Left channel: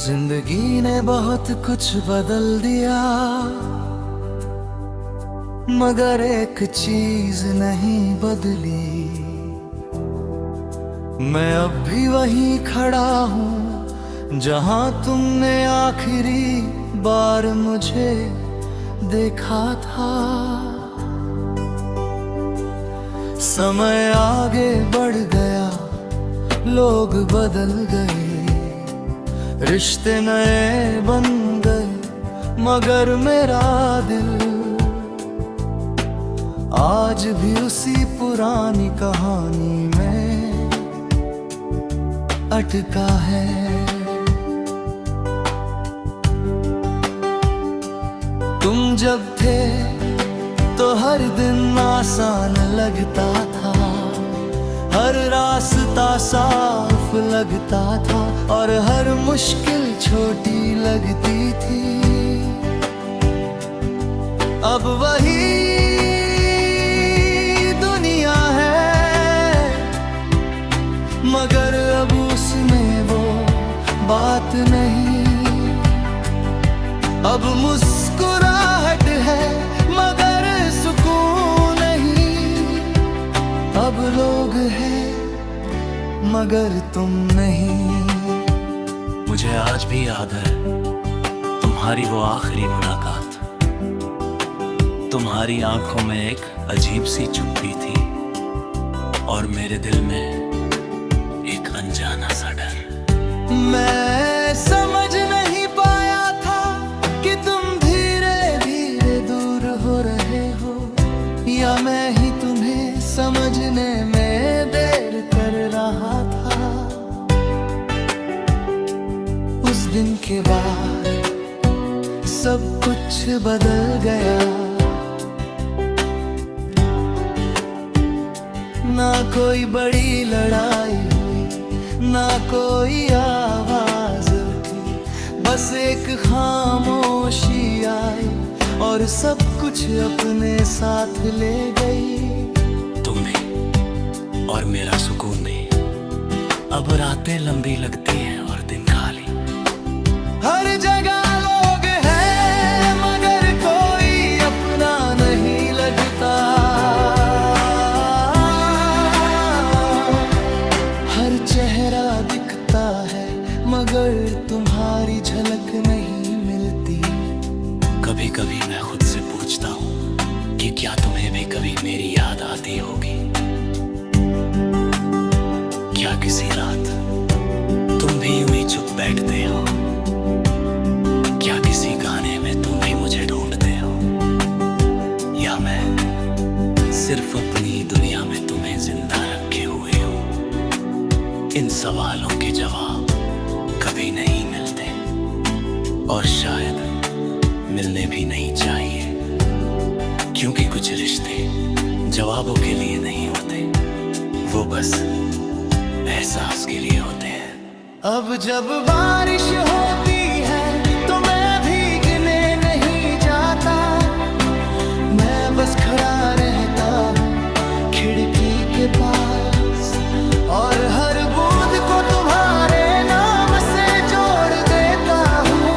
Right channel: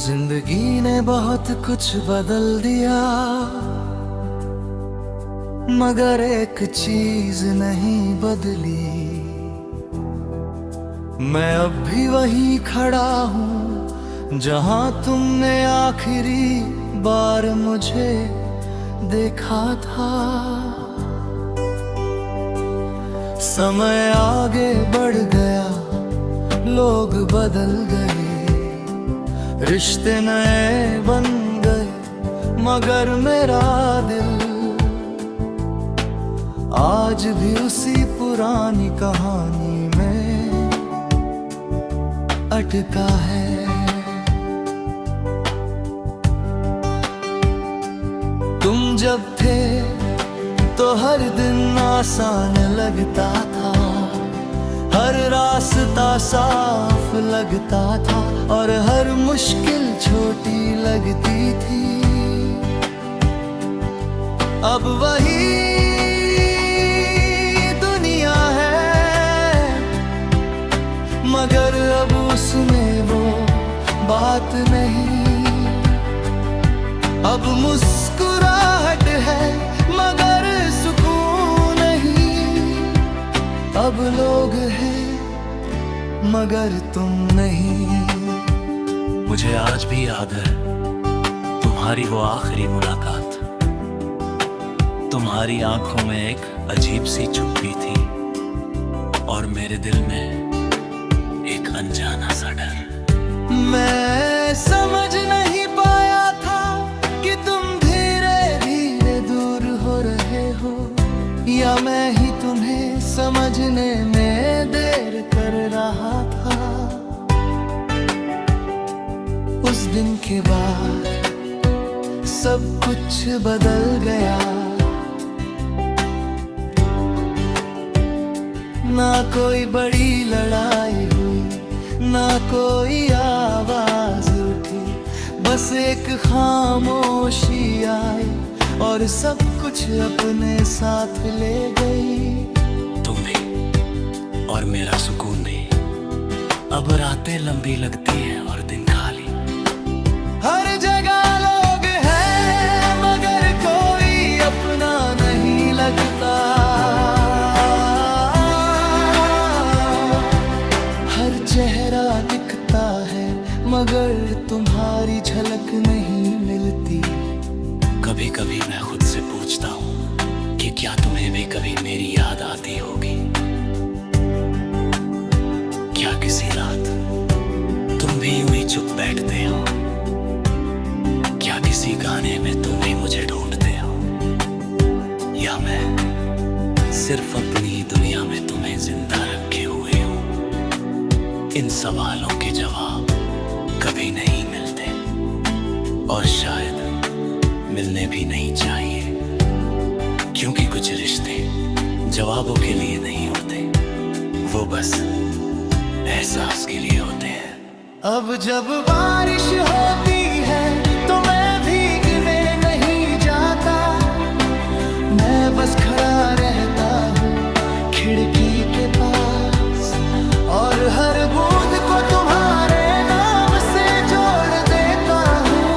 जिंदगी ने बहुत कुछ बदल दिया, मगर एक चीज नहीं बदली। मैं अब भी वहीं खड़ा हूँ जहाँ तुमने आखिरी बार मुझे देखा था। समय आगे बढ़ गया, लोग बदल गए, रिश्ते नए बन गए, मगर मेरा दिल आज भी उसी पुरानी कहानी में अटका है। तुम जब थे तो हर दिन आसान लगता था, हर रास्ता साफ लगता था और हर मुश्किल छोटी लगती थी। अब वही दुनिया है, मगर अब उसमें वो बात नहीं। अब मुस्कुराहट है मगर सुकून नहीं। अब लोग हैं मगर तुम नहीं। मुझे आज भी याद है तुम्हारी वो आखिरी मुलाकात। तुम्हारी आंखों में एक अजीब सी चुप्पी थी और मेरे दिल में एक अनजाना सा डर। मैं समझ नहीं पाया था कि तुम धीरे धीरे दूर हो रहे हो, या मैं ही तुम्हें समझने में देर कर रहा था। उस दिन के बाद सब कुछ बदल गया, ना कोई बड़ी लड़ाई हुई, ना कोई आवाज उठी, बस एक खामोशी आई और सब कुछ अपने साथ ले गई। तुम भी और मेरा सुकून भी। अब रातें लंबी लगती है और दिन खाली। हर जगह लोग हैं मगर कोई अपना नहीं लगता। हर चेहरा दिखता है मगर तुम्हारी झलक नहीं मिलती। कभी कभी मैं खुद से पूछता हूँ कि क्या तुम्हें भी कभी मेरी याद आती होगी। क्या किसी रात तुम भी यूं ही चुप बैठते हो? क्या किसी गाने में तुम भी मुझे ढूंढते हो? या मैं सिर्फ अपनी ही दुनिया में तुम्हें जिंदा रखे हुए हूँ? इन सवालों के जवाब कभी नहीं मिलते और शायद मिलने भी नहीं चाहिए, क्योंकि कुछ रिश्ते जवाबों के लिए नहीं होते, वो बस एहसास के लिए होते हैं। अब जब बारिश होती है तो मैं भीगने नहीं जाता, मैं बस खड़ा रहता हूँ खिड़की के पास और हर बूंद को तुम्हारे नाम से जोड़ देता हूँ।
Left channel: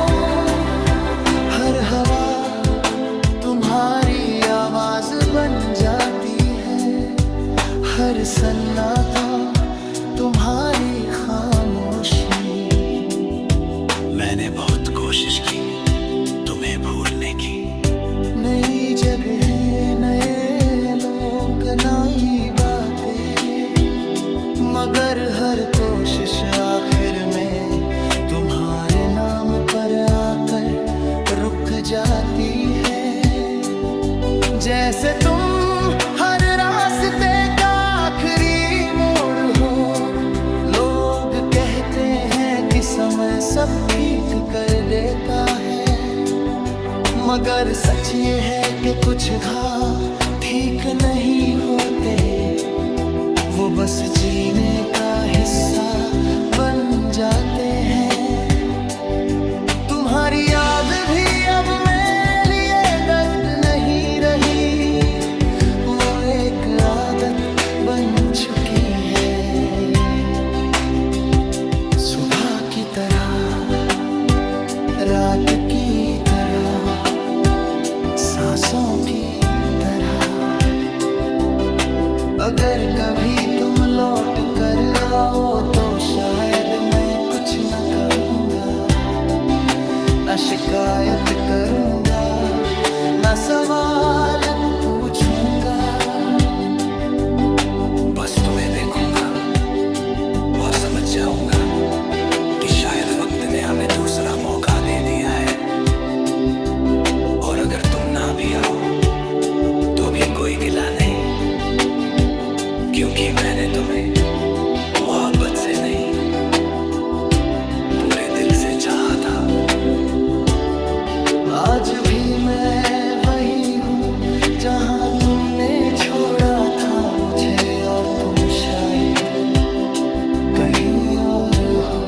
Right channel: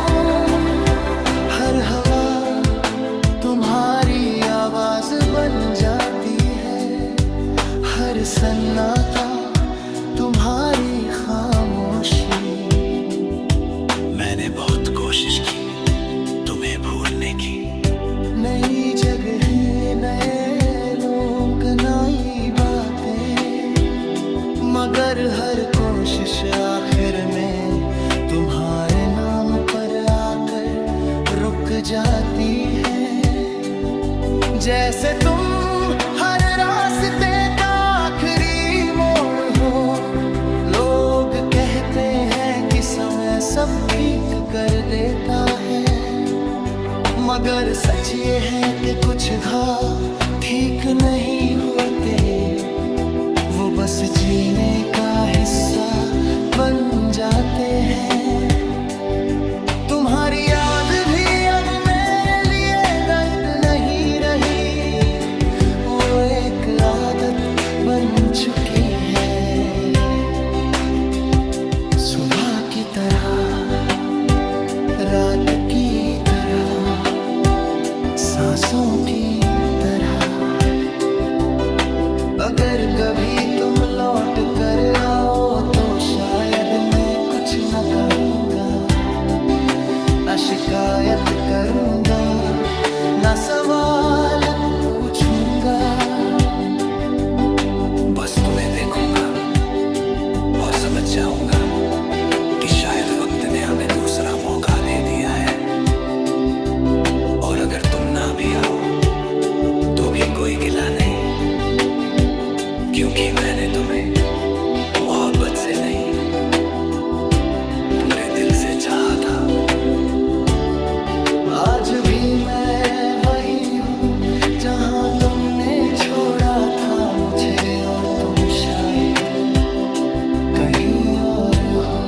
हर हवा तुम्हारी आवाज बन जाती है, हर सन्नाटा तुम्हारी खामोशी। मैंने बहुत कोशिश की तुम्हें भूलने की। नई जगह नए लोग नई बातें, मगर हर कोशिश आखिर में तुम्हारे नाम पर आकर रुक जाती है। जैसे तुम हर रास्ते का आखिरी मोड़ हो। लोग कहते हैं कि समय सब ठीक कर देता है, मगर सच ये है कि कुछ घाव ठीक नहीं होते, वो बस जीने का हिस्सा बन जाते हैं। तुम्हारी याद भी अब मेरे लिए दर्द नहीं रही, वो एक आदत बन चुकी है। सुबह की तरह रात की तरह, सांसों की तरह। अगर कभी तुम लौट कर आओ तो शायद मैं कुछ न कहूँगा, न शिकायत करूँगा, न सवाल पूछूंगा। बस तुम्हें देखूंगा और समझ जाऊंगा कि शायद वक्त ने हमें दूसरा मौका दे दिया है। और अगर तुम ना भी आओ तो भी कोई गिला नहीं, क्योंकि मैंने तुम्हें मोहब्बत से नहीं, पूरे दिल से चाहा था। आज भी मैं वही हूँ जहाँ तुमने छोड़ा था मुझे, और तुम शायद कहीं और हो।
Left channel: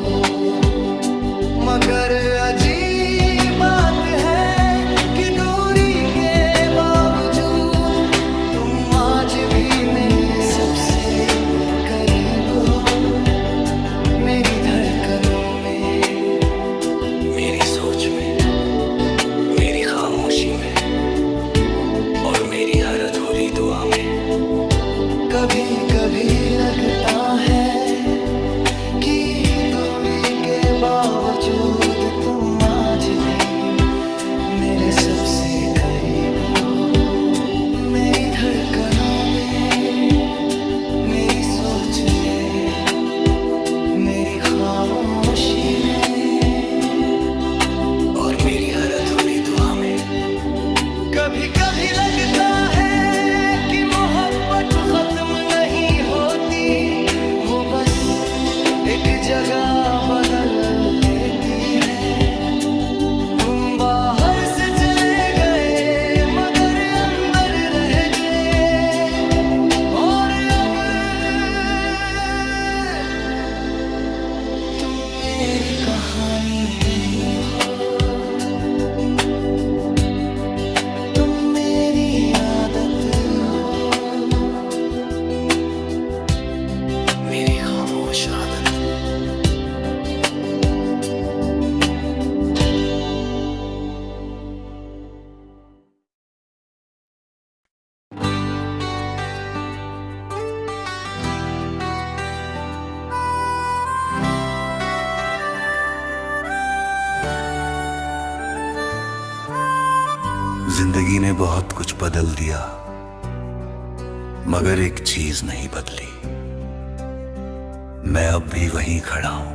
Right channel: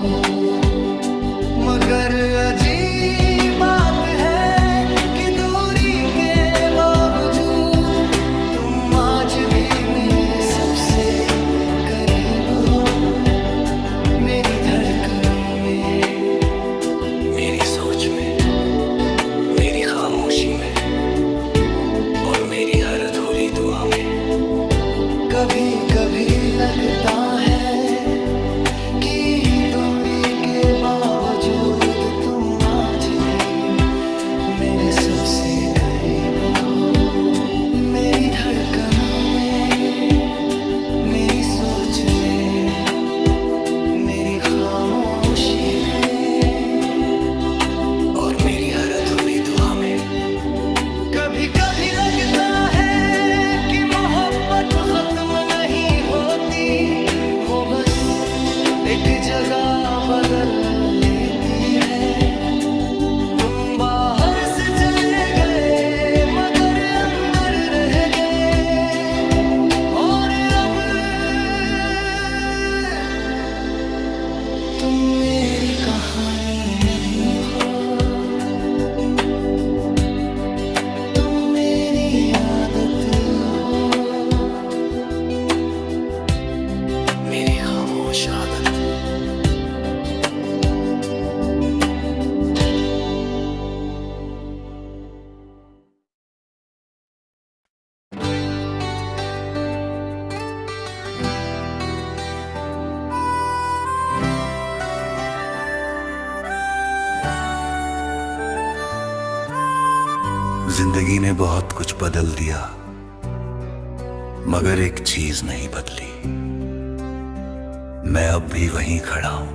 मगर अजीब बात है कि दूरी के बावजूद तुम आज भी मेरे सबसे करीब हो। मेरी धड़कनों में, मेरी सोच में, मेरी खामोशी में और मेरी हर अधूरी दुआ में। कभी कभी लगता है कि दूरी के बावजूद तुम आज भी मेरे सबसे करीब हो। मेरी धड़कनों में, मेरी सोच में, मेरी खामोशी में और मेरी हर अधूरी दुआ में। कभी कभी लगता है कि मोहब्बत खत्म नहीं होती, वो बस एक जगह बदल लेती है। तुम बाहर से चले गए मगर अंदर रह गए, और अब तुम मेरी कहानी नहीं हो, तुम मेरी आदत हो, मेरी खामोश आदत। जिंदगी ने बहुत कुछ बदल दिया, मगर एक चीज नहीं बदली। मैं अब भी वहीं खड़ा हूं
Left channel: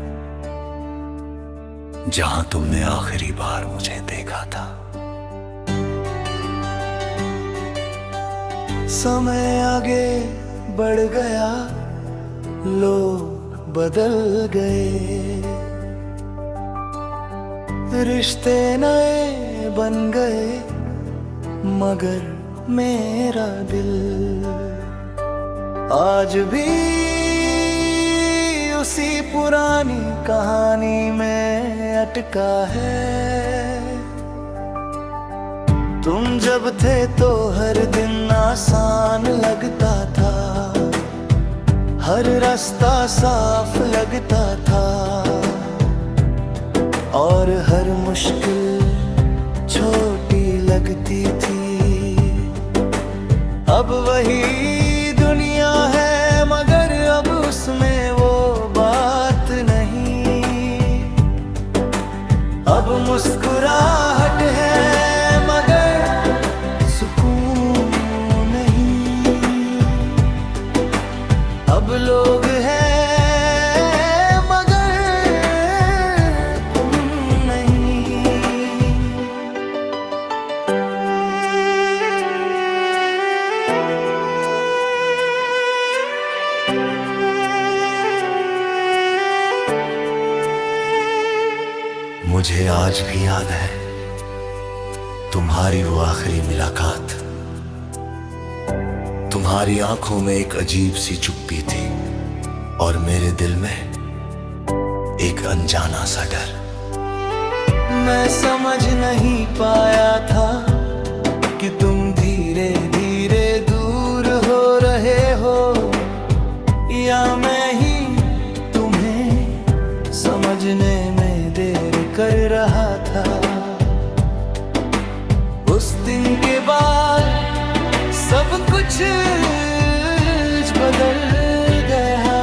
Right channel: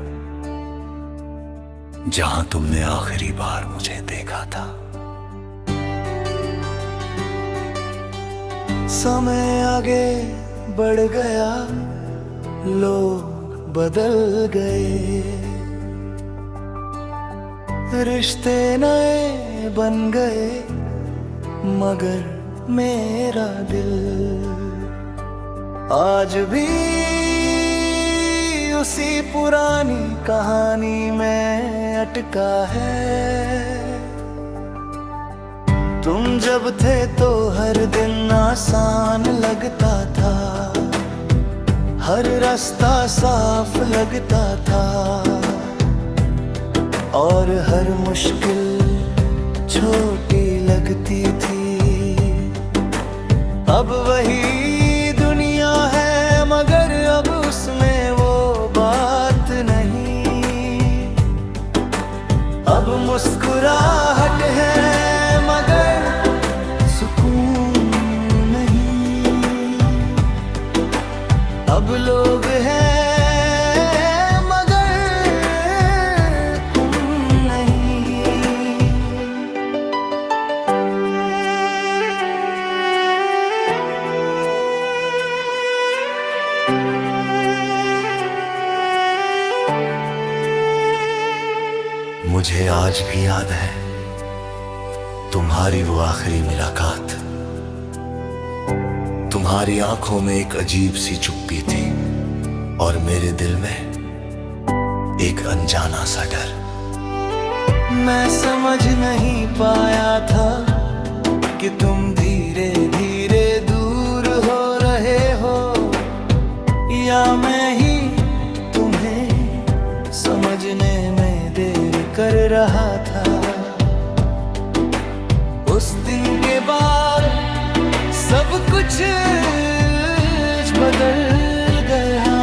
जहां तुमने आखिरी बार मुझे देखा था। समय आगे बढ़ गया, लोग बदल गए, रिश्ते नए बन गए, मगर मेरा दिल आज भी उसी पुरानी कहानी में अटका है। तुम जब थे तो हर दिन आसान लगता था, हर रास्ता साफ लगता था, और हर मुश्किल छोटी लगती थी। अब वही दुनिया है मगर अब उसमें वो बात नहीं। अब मुस्कुराहट है मगर सुकून नहीं। अब लोग हैं मुझे आज भी याद है तुम्हारी वो आखिरी मुलाकात। तुम्हारी आंखों में एक अजीब सी चुप्पी थी और मेरे दिल में एक अनजाना सा डर। मैं समझ नहीं पाया था कि तुम धीरे धीरे दूर हो रहे हो, या मैं ही तुम्हें समझने में देर कर रहा था। उस दिन के बाद सब कुछ बदल गया।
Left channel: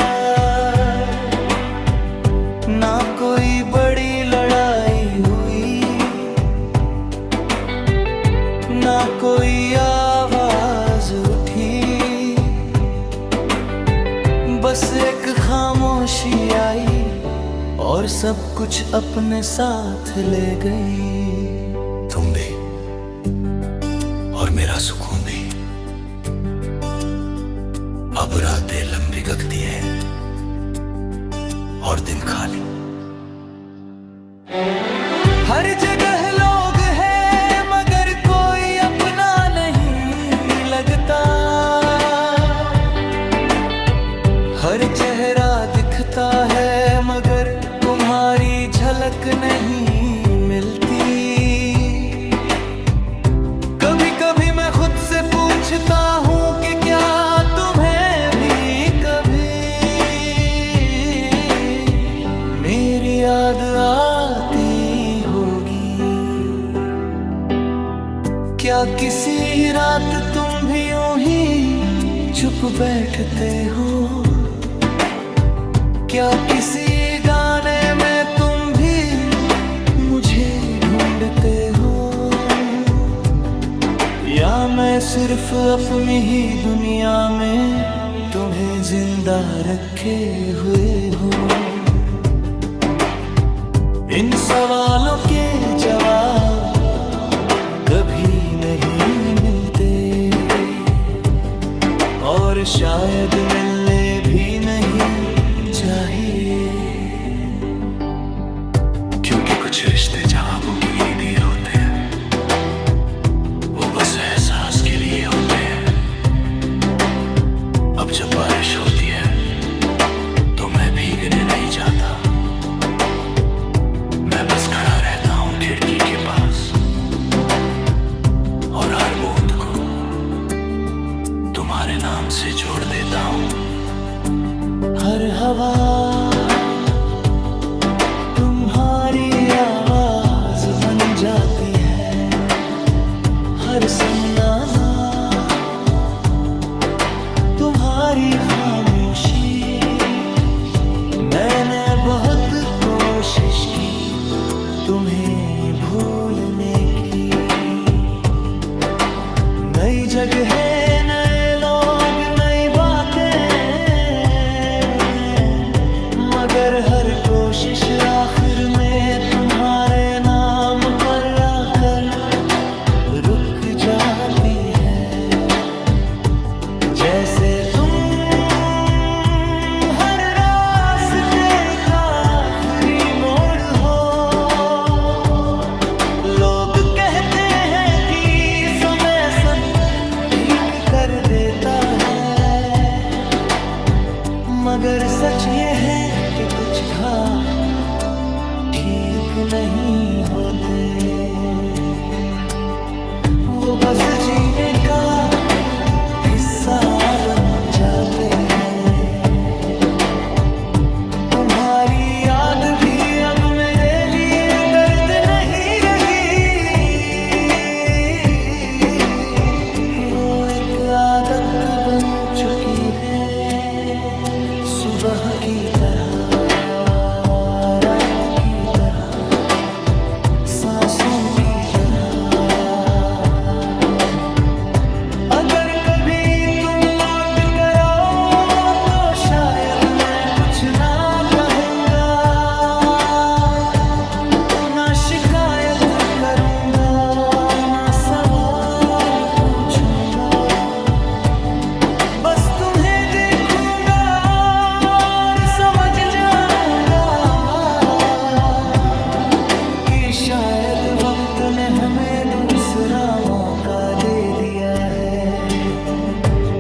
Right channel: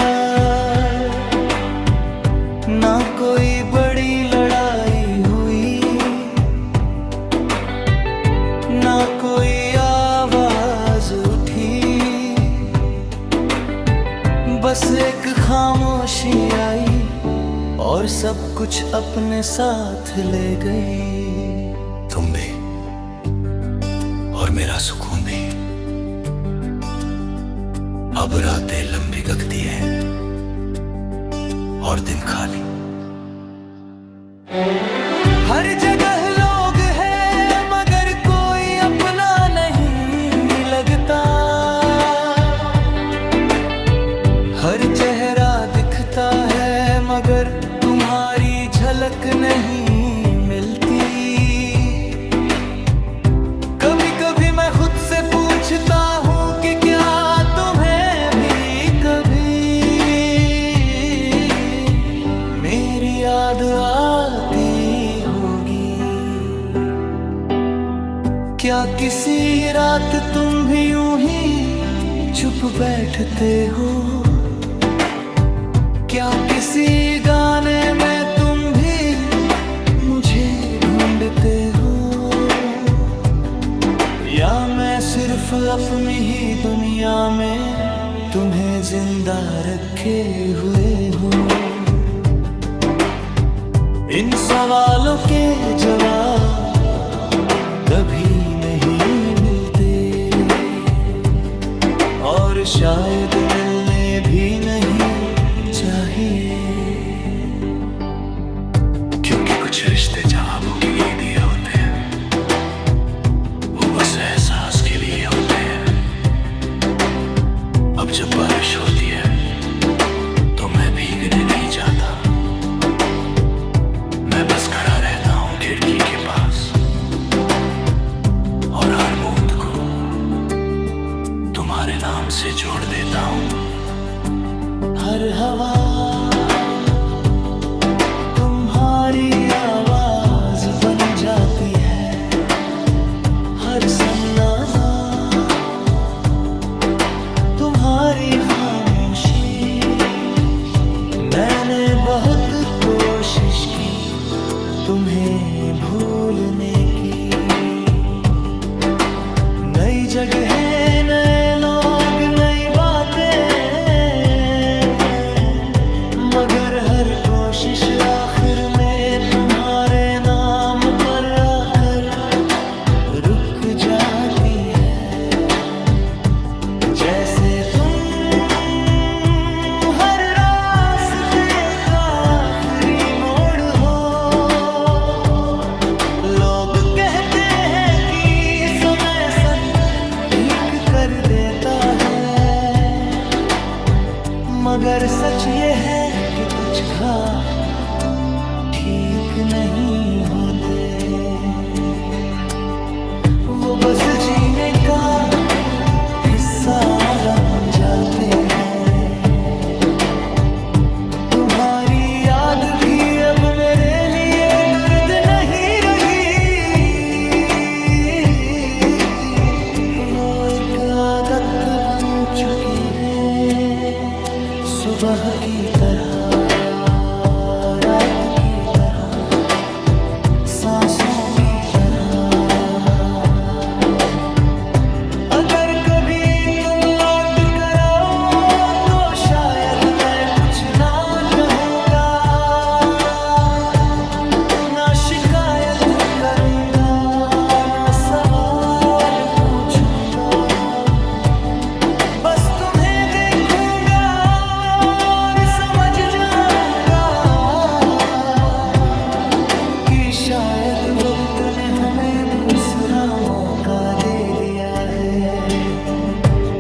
ना कोई बड़ी लड़ाई हुई, ना कोई आवाज उठी, बस एक खामोशी आई और सब कुछ अपने साथ ले गई। तुम भी और मेरा सुकून भी। अब रातें लंबी गगती है और दिन खाली। हर जगह लोग हैं मगर कोई अपना नहीं लगता। हर चेहरा दिखता है मगर तुम्हारी झलक नहीं मिलती। कभी कभी मैं खुद से पूछता हूँ कि क्या तुम्हें भी कभी मेरी याद आती होगी। क्या किसी रात तुम भी यूं ही चुप बैठते हो? क्या किसी गाने में तुम भी मुझे ढूंढते हो? या मैं सिर्फ अपनी ही दुनिया में तुम्हें जिंदा रखे हुए हूँ? इन सवालों के जवाब कभी नहीं मिलते और शायद मिलने भी नहीं चाहिए। क्योंकि कुछ रिश्ते जवाबों के लिए दिए होते हैं, वो बस एहसास के लिए होते हैं। अब जब बारिश होती है तो मैं भीगने नहीं जाता। मैं बस खड़ा रहता हूँ खिड़की के पास और हर बूंद को तुम्हारे नाम से जोड़ देता हूँ। हर हवा तुम्हारी आवाज बन जाती है। हर सन्नाटा तुम्हारी खामोशी। मैंने बहुत कोशिश की तुम्हें भूलने की। नई जगह, नए लोग, नई बातें, मगर हर कोशिश आखिर में तुम्हारे नाम पर आकर रुक जाती है। जैसे तुम हर रास्ते का आखिरी मोड़ हो। लोग कहते हैं कि समय सब ठीक कर देता है, मगर सच ये है कि कुछ घाव ठीक नहीं होते। वो बस जीने का हिस्सा बन जाते हैं। तुम्हारी याद भी अब मेरे लिए दर्द नहीं रही। वो एक आदत बन चुकी है, सुबह की तरह, रात की तरह, सांसों की तरह। अगर कभी तुम लौट कर आओ तो शायद मैं कुछ ना कहूँगा, ना शिकायत करूँगा, ना सवाल पूछूंगा। बस तुम्हें देखूंगा और समझ जाऊंगा कि शायद वक्त ने हमें दूसरा मौका दे दिया है।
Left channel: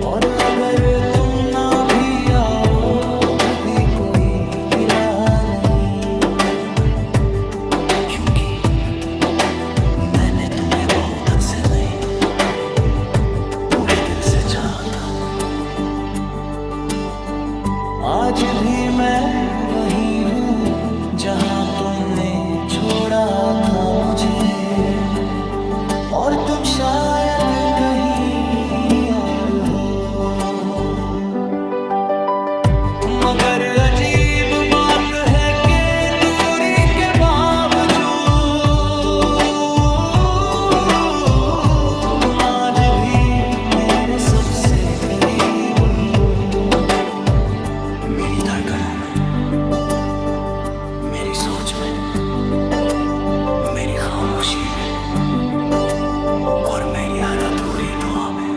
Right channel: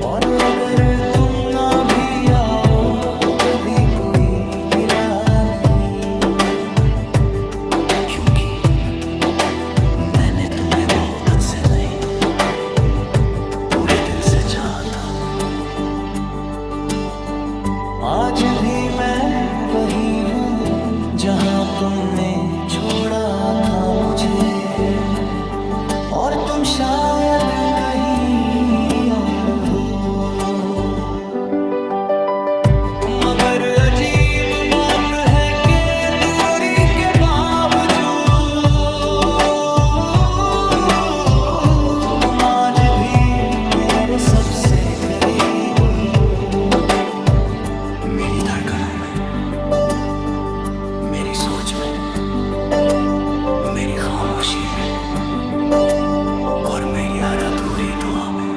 और अगर तुम ना भी आओ तो भी कोई गिला नहीं, क्योंकि मैंने तुम्हें मोहब्बत से नहीं, पूरे दिल से चाहा था। आज भी मैं वही हूँ जहां तुमने छोड़ा था मुझे, और तुम शायद कहीं और हो। मगर अजीब बात है कि दूरी के बावजूद तुम आज भी मेरे सबसे करीब हो। मेरी धड़कनों में, मेरी सोच में, मेरी खामोशी में और मेरी हर अधूरी दुआ में।